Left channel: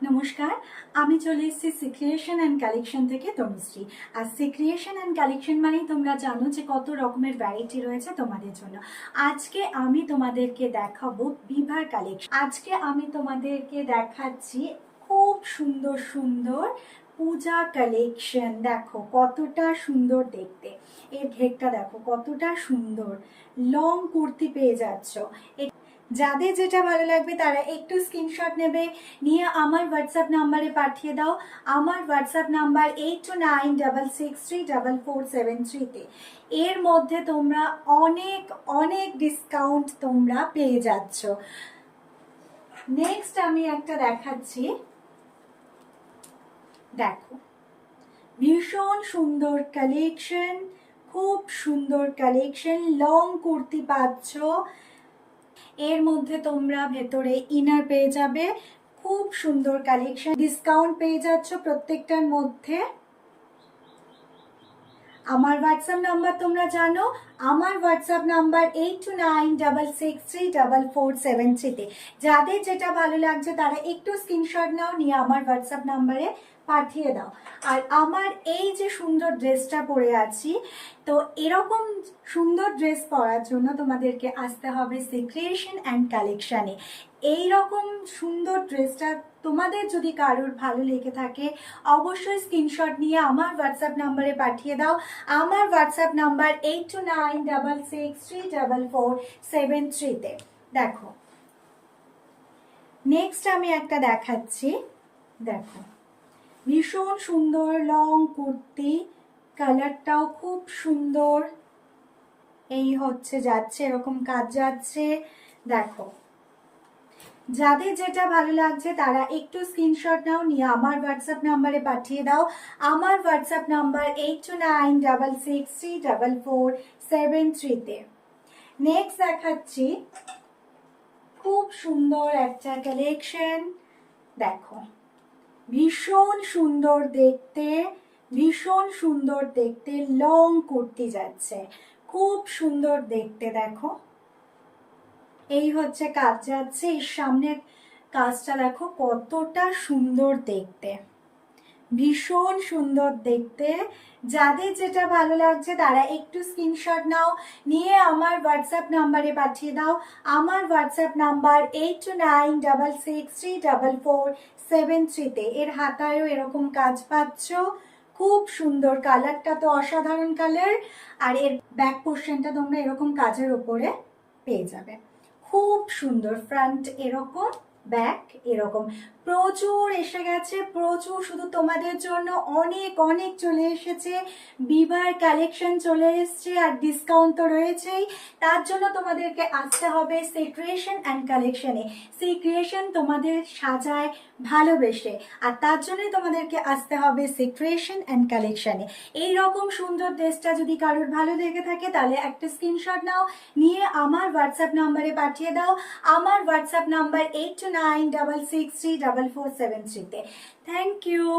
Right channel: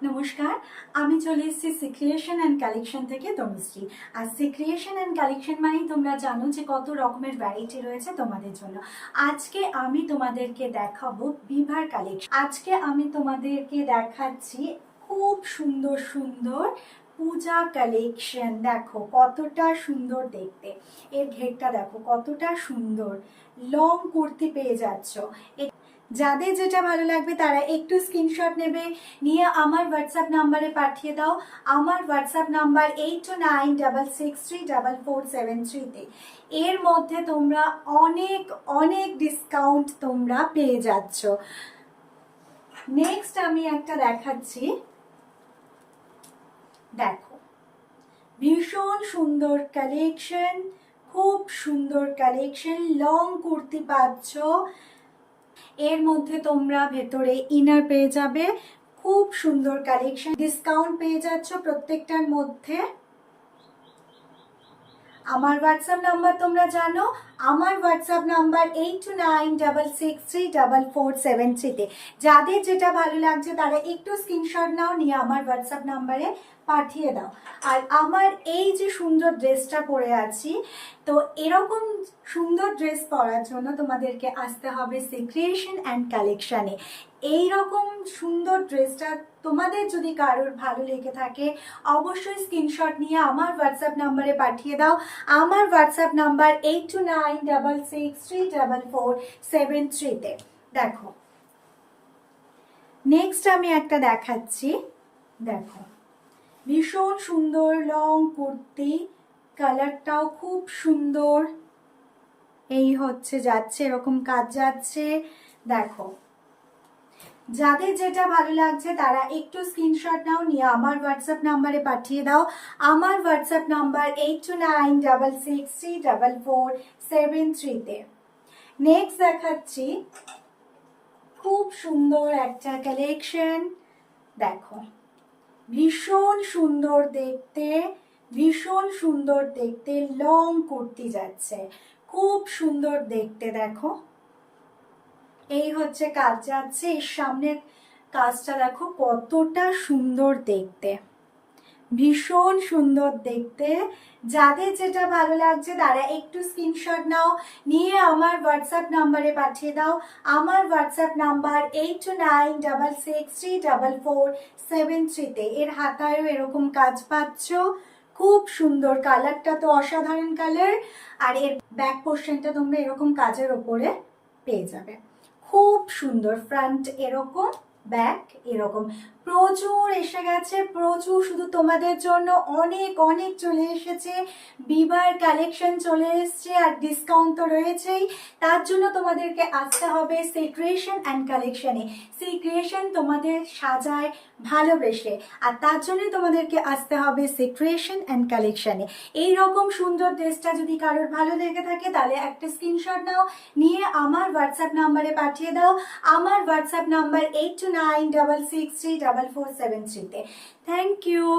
নমস্কার, আমি চলে এসেছি সিক্রিয়েশন অ্যান্ড কালেকশন থেকে তনুশ্রী। আর সিক্রিয়েশন অ্যান্ড কালেকশন মানেই তোমরা জানো যে কত রকমের ভ্যারাইটি রয়েছে তোমাদের জন্য। আজকে আমি তোমাদেরকে দেখাবো বিভার কালেকশন। আজকে আমি তোমাদেরকে দেখাচ্ছি খুব সুন্দর সুন্দর পূজা কালেকশন। দেখো কতটা সুন্দর দেখতে, এর ঘেরটা দেখো কতটা সুন্দর। লং কুর্তি পেয়ে যাচ্ছ। যাদের যেটা ভালো লাগবে তারা একটু স্ক্রিনশট নেবে, নিয়ে আমার হোয়াটসঅ্যাপ নাম্বারে পাঠিয়ে দাও। আমার হোয়াটসঅ্যাপ নাম্বার 8296634473-তে। এর মধ্যে তোমরা অনেক অনেক ডিসকাউন্ট তোমরা পেয়ে যাচ্ছ। নেক্সট আমি একটা দেখাচ্ছি, দেখো ভীষণ সুন্দর কালেকশন, খুব সুন্দর কালেকশন। লং কুর্তি পাচ্ছ, এর মধ্যে তোমরা ভেতরে ইনার পেয়ে যাবে। খুব সুন্দর কালেকশন, ডিসকাউন্ট পেয়ে যাচ্ছ প্রত্যেকটার মধ্যে। আমার হোয়াটসঅ্যাপ নাম্বার তোমরা জানো, আমার হোয়াটসঅ্যাপ নাম্বার 8296634473-তে। যাদের যেটা ভালো লাগছে তারা একটু স্ক্রিনশট নাও, নিয়ে আমার হোয়াটসঅ্যাপ নাম্বারে পাঠিয়ে দাও। আর আমার এই যে সুন্দর ড্রেসটা পরে আছি, তো এরকম সুন্দর ড্রেস পরার জন্য তোমাদেরকে আসতে হবে সিক্রিয়েশন অ্যান্ড কালেকশানে। এইরকম সুন্দর ড্রেসটা তোমাদের যদি কারোর ভালো লেগে থাকে অবশ্যই স্ক্রিনশট নিয়ে আমার হোয়াটসঅ্যাপ নাম্বারে পাঠিয়ে দাও। আমার হোয়াটসঅ্যাপ নাম্বার 8296634473-তে। দেখো নেক্সট আমি একটা দেখাচ্ছি, দেখো ভীষণ সুন্দর লং কুর্তি, কালারটাও খুব সুন্দর। এই হচ্ছে যাচ্ছে, এরকম কাজ যাচ্ছে। দেখো যাদের যেটা ভালো লাগছে তারা একটু স্ক্রিনশট নাও, নিয়ে আমার হোয়াটসঅ্যাপ নাম্বারে পাঠিয়ে দাও। আমার হোয়াটসঅ্যাপ নাম্বার 8296634473-তে। নেক্সট দেখাচ্ছি খুব সুন্দর একটা কালেকশন, দেখো ভীষণ সুন্দর দেখতে, ভীষণ সুন্দর দেখতে। লং কুর্তি যাচ্ছে, খুব সুন্দর দেখতে। দেখো এই হচ্ছে কাজ যাচ্ছে, এর সামনের কাজটা দেখো কতটা সুন্দর দেখতে, ভীষণ সুন্দর দেখতে। যাদের যেটা ভালো লাগছে তারা একটু স্ক্রিনশট নাও, নিয়ে আমার হোয়াটসঅ্যাপ নাম্বারে পাঠিয়ে দাও। আমার হোয়াটসঅ্যাপ নাম্বার 8296634473-তে। এর হাতায়ও এরকম কাজ পাচ্ছ, খুব সুন্দর। কালারটা তো অসাধারণ কালার। আর এর ব্যাক পোর্শনটা তোমরা এরকম কাজের ওপরে পেয়ে যাবে। খুব সুন্দর, ফ্রন্ট এরকম, ব্যাক এরকম। প্রচুর এসে গেছে, প্রচুর, শুধু তোমাদের জন্য অনেক অনেক চলে এসেছে। বিবার কালেকশন চলে এসছে, আর ডিসকাউন্ট তো রয়েছেই। তার জন্য তোমাদেরকে আসতে হবে সিক্রিয়েশন অ্যান্ড কালেকশনে। সিক্রিয়েশন তোমাদের সাজায় ভালোবেসে, আর তার জন্যই তোমাদেরকে আসতে হবে সিক্রিয়েশন অ্যান্ড কালেকশনে। এইরকম সুন্দর ড্রেসটা যদি কারোর ভালো লেগে থাকে তাহলে একটা স্ক্রিনশট নাও, নিয়ে আমার হোয়াটসঅ্যাপ নাম্বারে পাঠিয়ে দাও। আমার হোয়াটসঅ্যাপ নাম্বার 8296634473-তে। Thank you.